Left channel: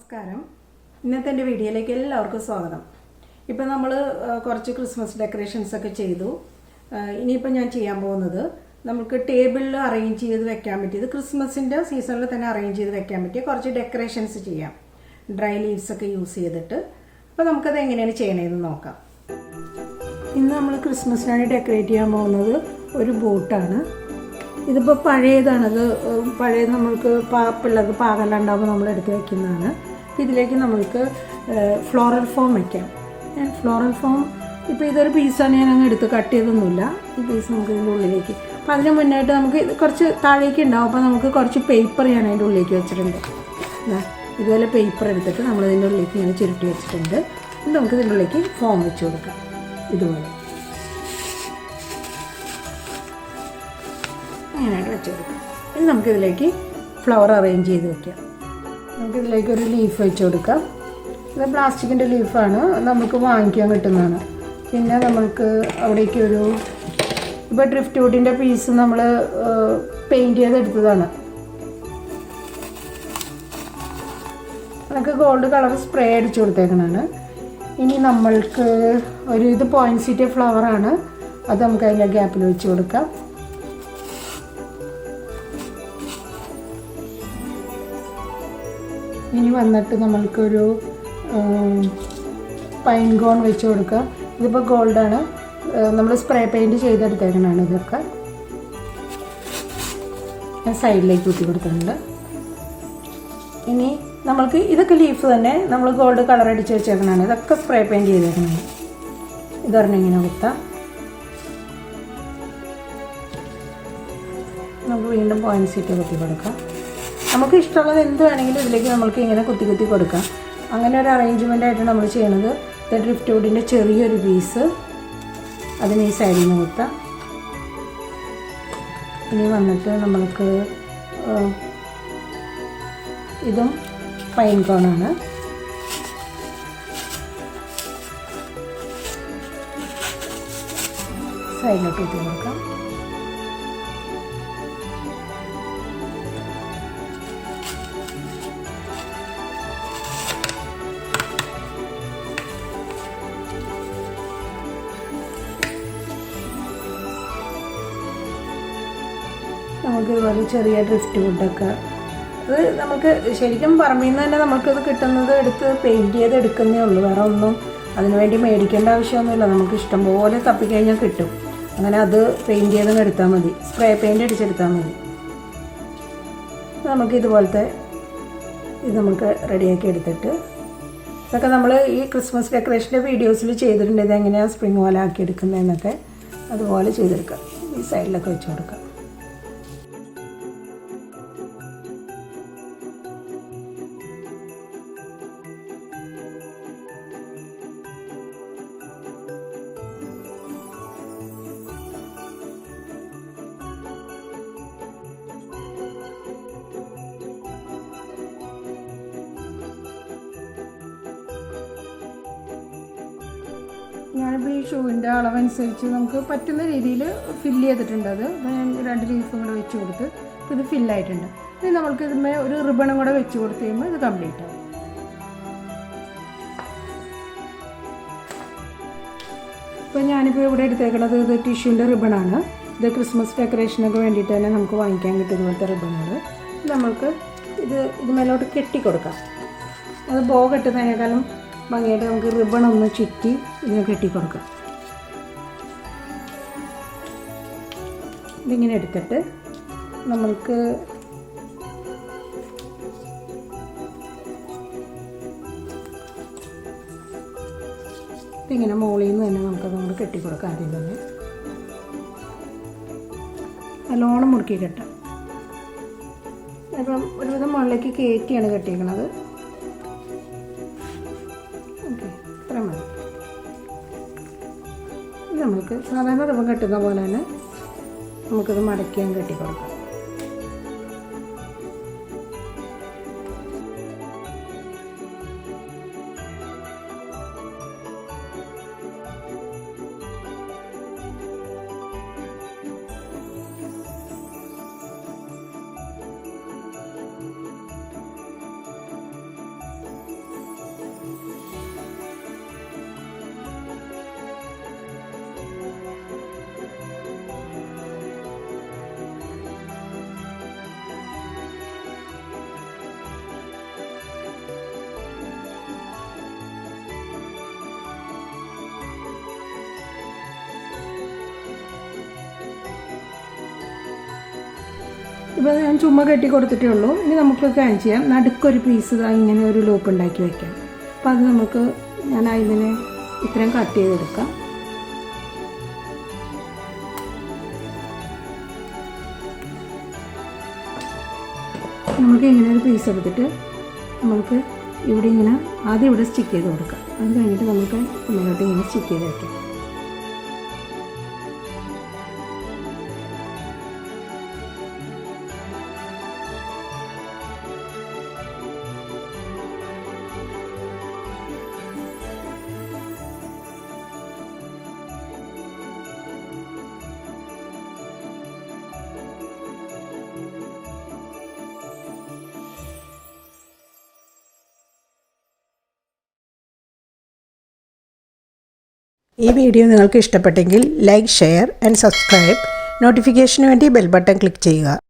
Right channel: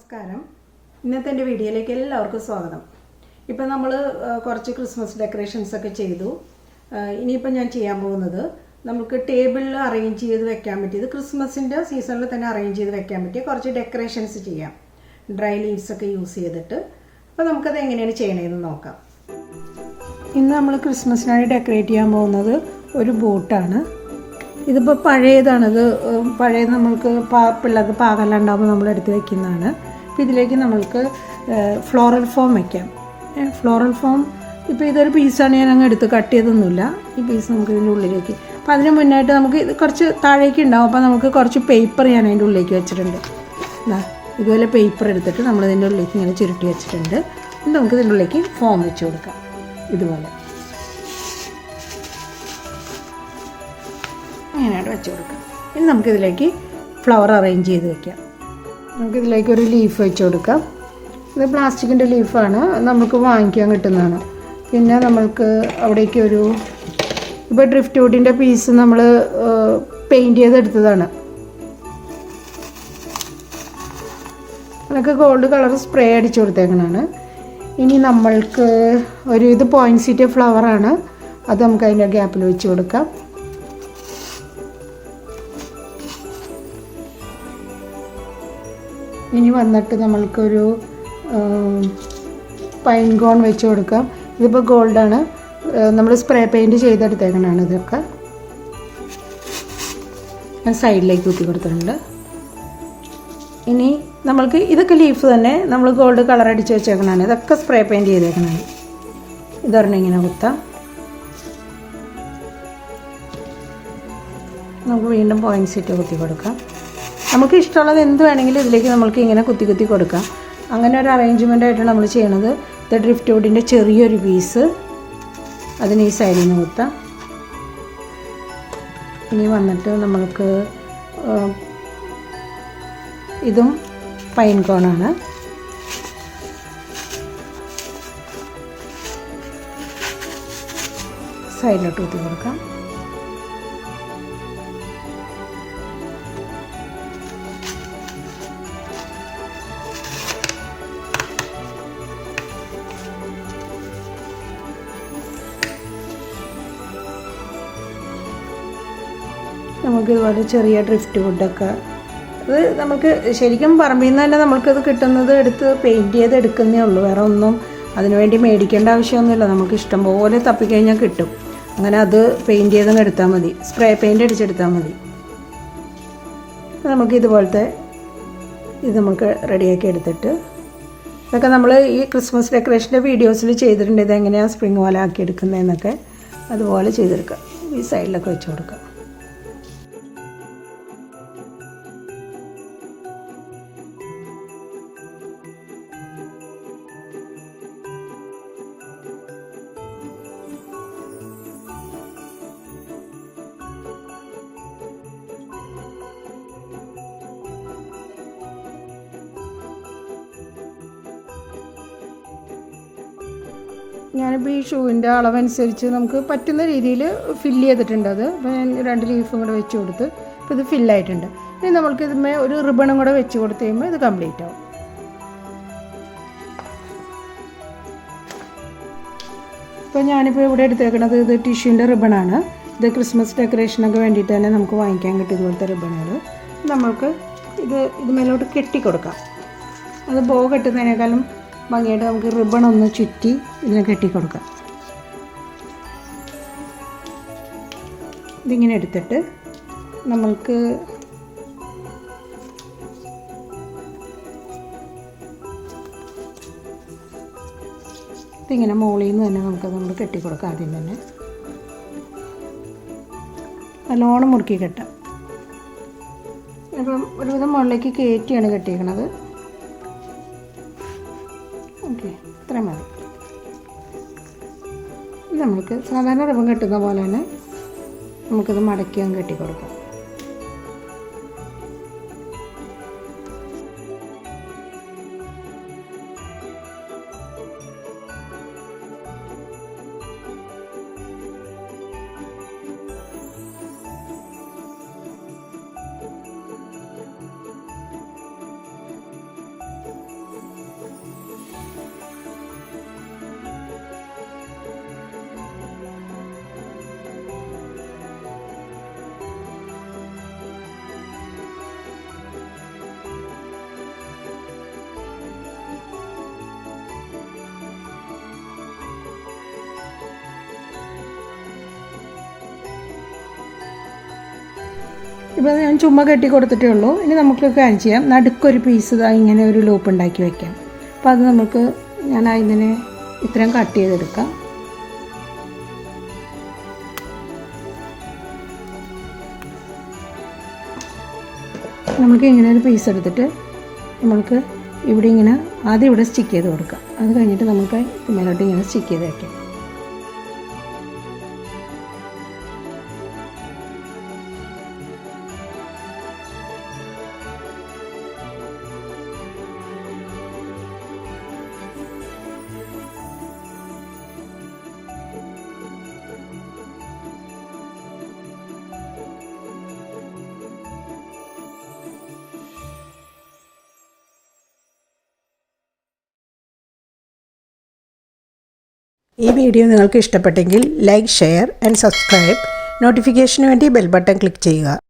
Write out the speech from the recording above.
നമസ്കാരം. ഇന്നത്തെ എൻ്റെ വീഡിയോയിലേക്ക് എല്ലാവർക്കും സ്വാഗതം. ഇപ്പം നമ്മൾ കുറച്ച് ക്രിസ്മസ് ഡെക്കറേഷൻസ് ഒക്കെ ചെയ്തു. ഇനിയിപ്പോൾ ഞാൻ ചെയ്യാൻ പോകുന്നത് നമുക്ക് ടേബിളിൽ അറേഞ്ച് ചെയ്ത് വെക്കാൻ പറ്റിയത് ക്രിസ്മസിൻ്റെ സീസണിൽ തന്നെ അറേഞ്ച് ചെയ്ത് വെക്കാൻ പറ്റിയ കുറച്ച് ഡെക്കറേഷൻസ് ചെയ്യാം, ഡ്രൈ ലീവ്സ് ഒക്കെ യൂസ് ചെയ്തിട്ട്. അപ്പോൾ നമുക്കത് എങ്ങനെയാണ് ചെയ്യണതെന്ന് നോക്കാം. ഇന്ന് നമ്മൾ ക്രിസ്മസിനായി ഡെക്കറേറ്റ് ചെയ്യാൻ പോകുന്നത് ഒരു ബോട്ടാണ്. ഇതിപ്പോൾ പഴയതാണിത്. പഴയത് നമ്മൾക്ക് പിള്ളേർക്ക് പാകല്ലാണ്ടാകുമ്പോൾ നമ്മൾ എടുത്ത് വയ്ക്കുന്നതാണ്. അപ്പോൾ ഇതിലേക്ക് നമ്മൾക്ക് ഫ്ലോറൽ ഫോം വയ്ക്കാം. ഫ്ലോറൽ ഫോം ഇപ്പോൾ ഇതൊരു പീസാണ്, ഞാൻ അങ്ങ് എടുത്ത് കട്ട് ചെയ്തൊന്നുമില്ല. ഈ പീസ് നമുക്ക് ഇതിൻ്റെ ഉള്ളിലേക്ക്, അപ്പോൾ അതിന് മുന്നായിട്ട് നമുക്ക് ഇത് കുറച്ച് താഴേക്ക് ഉണ്ടാവും. അപ്പോൾ നമുക്ക് കുറച്ച് പേപ്പർ ഞാൻ അതിൻ്റെ ഉള്ളിലേക്ക് വെച്ചിട്ടുണ്ട്. ഇതുപോലെ പേപ്പർ എടുത്തിട്ട് നമ്മൾ ഇതിൻ്റെ ഉള്ളിലേക്ക് ഇങ്ങനെ ചുരുട്ടി വെച്ചിട്ടുണ്ട്. നമുക്ക് ഇതിൻ്റെ ഉള്ളിലേക്ക് ഫോം വെച്ച് കൊടുക്കാം. ഇതുപോലെ അങ്ങനെയായിട്ട് വെച്ച് കൊടുക്കാം. ഇനി നമുക്കിതിലേക്ക് ഫ്ലവർ അറേഞ്ച് ചെയ്ത് വയ്ക്കാം. നമുക്കിതിലേക്ക് ഒരു ലീഫ് വെച്ച് കൊടുക്കാം. ഇത് പ്ലാസ്റ്റിക്കിൻ്റെ ലീഫാണ്, നമുക്ക് വാങ്ങിക്കാൻ കിട്ടുന്നതാണ്. പിന്നെ നമുക്ക് അവിടേക്ക് ഒരു ഇപ്പോൾ ഡ്രിഫ്റ്റ് വുഡിൻ്റെ പീസ് നമ്മൾ പെയിൻറ്റ് ചെയ്തെടുത്തതാണ്. അതൊക്കെ ഗോൾഡ് കളർ സ്പ്രേ അടിച്ചു കൊടുത്തേക്കണതാണ്. ഇനി നമ്മൾക്ക് ഒരു ഇത് പോയിൻസീറ്റ് ഫ്ലവറാണ്, അത് നമുക്ക് അതിൻ്റെ ഗ്യാപ്പിൽ വെച്ച് കൊടുക്കാം. ഇനി വന്നിട്ട് നമ്മൾക്കൊരു പൈൻ കോൺ വെച്ച് കൊടുക്കാം. ഇതിപ്പോൾ ഗോൾഡാണ്, നമ്മൾ സ്പ്രേ പെയിൻറ്റ് ചെയ്തെടുത്തേക്കണതാണ്. ഇതൊക്കെ ഞാൻ സൈഡിലേക്ക് കുത്തി കൊടുത്തിട്ടുണ്ട്. ഇനി നമ്മൾക്ക് ഇതൊക്കെ ലീഫ് തന്നെ നമ്മൾ ഗോൾഡ് കളർ അടിച്ച് വെച്ചേക്കണതാണ്. ഇതൊക്കെ സ്പ്രേ പെയിൻറ്റ് ചെയ്തേക്കണതാണ്. ഇതൊരെണ്ണം ഇങ്ങനെ കുത്താം. നമുക്ക് വീണ്ടും പോയിൻസീറ്റ് കുത്തി കൊടുക്കാം. നമുക്ക് ഇഷ്ടമുള്ളത് എന്ത് വേണമെങ്കിലും ഇതിലേക്ക് നമ്മൾക്ക് ഇങ്ങനെ കുത്തി കുത്തി കൊടുക്കാം. അങ്ങനെ ഒരു അറേഞ്ച്മെൻ്റ് ആയിട്ടാണ് നമ്മൾ ചെയ്യണത്. ഇത് ഡ്രിഫ്റ്റ് വുഡിൻ്റെ ചെറിയൊരു പീസ്, അതിന് ഈ സൈഡിൽ നിന്ന് കുത്താം. ഇനി വന്നിട്ട് നമ്മൾക്ക് ഇതും പൈൻ കോണാണ്. സൈഡിലോട്ട് കുത്തി കൊടുക്കാം. നമുക്കിതുപോലെ ചെറിയ ഡ്രിഫ്റ്റ് വുഡൊക്കെ, അത് നമുക്ക് ശരിക്കും പറമ്പിൽ നിന്ന് തന്നെ നമുക്കത് കിട്ടുന്നത് എടുത്ത് പെയിൻറ്റ് ചെയ്ത് എടുക്കുന്നേ ഉള്ളൂ. വേറെ ഒന്നും അതിനുവേണ്ടി മേടിക്കേണ്ട ആവശ്യമൊന്നുമില്ല. നമുക്ക് ഇഷ്ടംപോലെ തപ്പിക്കഴിഞ്ഞാൽ കിട്ടും. അങ്ങനെ അത് പെയിൻറ്റ് ചെയ്തൊന്ന് എടുത്താൽ മതി, സ്പ്രേ പെയിൻറ്റ് അടിച്ചെടുത്താൽ മതി. നമുക്ക് ഇതുപോലത്തെ ഇത് നമുക്ക് റെഡിയാക്കി എടുത്തിട്ട്, ഇതൊക്കെ നമ്മൾ ഈ ക്രിസ്മസ് ഡെക്കറേഷൻ്റെ വീഡിയോസിൽ ചെയ്തിട്ടുണ്ട്. ഇതെങ്ങനെയാണ് സ്പ്രിങ് പോലെ ആക്കി എടുക്കുന്നതെന്നൊക്കെ അതുപോലെ ചെയ്തെടുക്കാം. ഈ സൈഡിലൊക്കെ വെച്ച് കൊടുക്കാം. ഞാനിപ്പോൾ ഈ ഷൂവിൻ്റെ അളവനുസരിച്ച് നമുക്ക് പറ്റുന്ന രീതിയിൽ ഫില്ല് ചെയ്തിട്ടുണ്ട്. അത് ഞാൻ 2 ലീഫും കൂടെ വെച്ച് കൊടുത്ത് ഇപ്പോൾ ഇത് ഫില്ലായിട്ടുണ്ട്. ഇനി നമ്മൾക്ക് ഇതിന്മേൽ ഒരു റിബണും കൂടെ വെച്ച് കൊടുത്ത് കഴിയുമ്പോൾ ഇത് കംപ്ലീറ്റ് ആവും. ഇപ്പോൾ ഞാനിപ്പോൾ ഇവിടെ എടുത്തേക്കുന്നത് ഇത് ടിഷ്യൂൻ്റെ റിബണാണ്. ഇത് ക്രിസ്മസ് ഡെക്കറേഷനൊക്കെ വേണ്ടിയിട്ട് തന്നെ നമുക്ക് വാങ്ങിക്കാൻ കിട്ടും ഇതുപോലത്തെ റിബണുകൾ. നമ്മൾക്ക് ഇത് മേലോട്ട് കെട്ടിക്കൊടുക്കാം. അത് ബോ കെട്ടുന്നതിനേക്കാളും ഭംഗിയായിട്ട് നമുക്ക് റിബൺ ഒന്ന് ചുറ്റി ഇതിനെ കെട്ടിക്കൊടുക്കാം. ഇതിങ്ങനെ എടുത്തിട്ട് നമ്മൾക്ക് ഇതിങ്ങനെ മുകളിൽ നിന്ന് തന്നെ നമ്മൾ കെട്ടിക്കൊടുക്കാം. ആദ്യം തന്നെ നല്ലോണം മുറുക്കി കെട്ടാം. അപ്പം ഒരുവിധം മുകളിലേക്ക് കയറ്റിയാണ് കെട്ടിയിരിക്കണത്. ഓക്കെ, ഇത്രയും മതി. നമുക്ക് സാധാരണ റിബൺ കെട്ടുന്ന പോലെ തന്നെ നമുക്കിത് മടക്കിയാൻ കെട്ടിക്കൊടുക്കാം. ഇപ്പോൾ ഞാൻ ചുമ്മാ കെട്ടി കൊടുത്തിട്ടേ ഉള്ളൂ. ഇനി നമുക്ക് കാണിച്ച് ചെയ്യാം. നടുക്കൊരു പീസ് ഇങ്ങനെ ഒരു ലൂപ്പ് ഉണ്ടാക്കി വയ്ക്കാം. അപ്പോൾ അത് നമുക്ക് ഞാൻ അതിനെ ഇത്രയും കട്ട് ചെയ്തെടുക്കാം. നമുക്ക് ഇങ്ങനെ ഒരു പീസ് എടുത്തിട്ട് നമുക്ക് ഇവിടെ ഇങ്ങനെ ആദ്യം ഇവിടെ സ്റ്റിക്ക് ചെയ്ത് കൊടുക്കാം. അത് കഴിഞ്ഞിട്ട് നമുക്ക് മേലോട്ട് ഇങ്ങനെ സ്റ്റിക്ക് ചെയ്ത് വയ്ക്കാം. ഈ വീഡിയോ നിങ്ങൾക്ക് ഇഷ്ടപ്പെട്ടെങ്കിൽ ലൈക്ക്, ഷെയർ ആൻഡ് സബ്സ്ക്രൈബ്. നോട്ടിഫിക്കേഷന് വേണ്ടി ബെൽ ബട്ടൺ ക്ലിക്ക് ചെയ്യുക.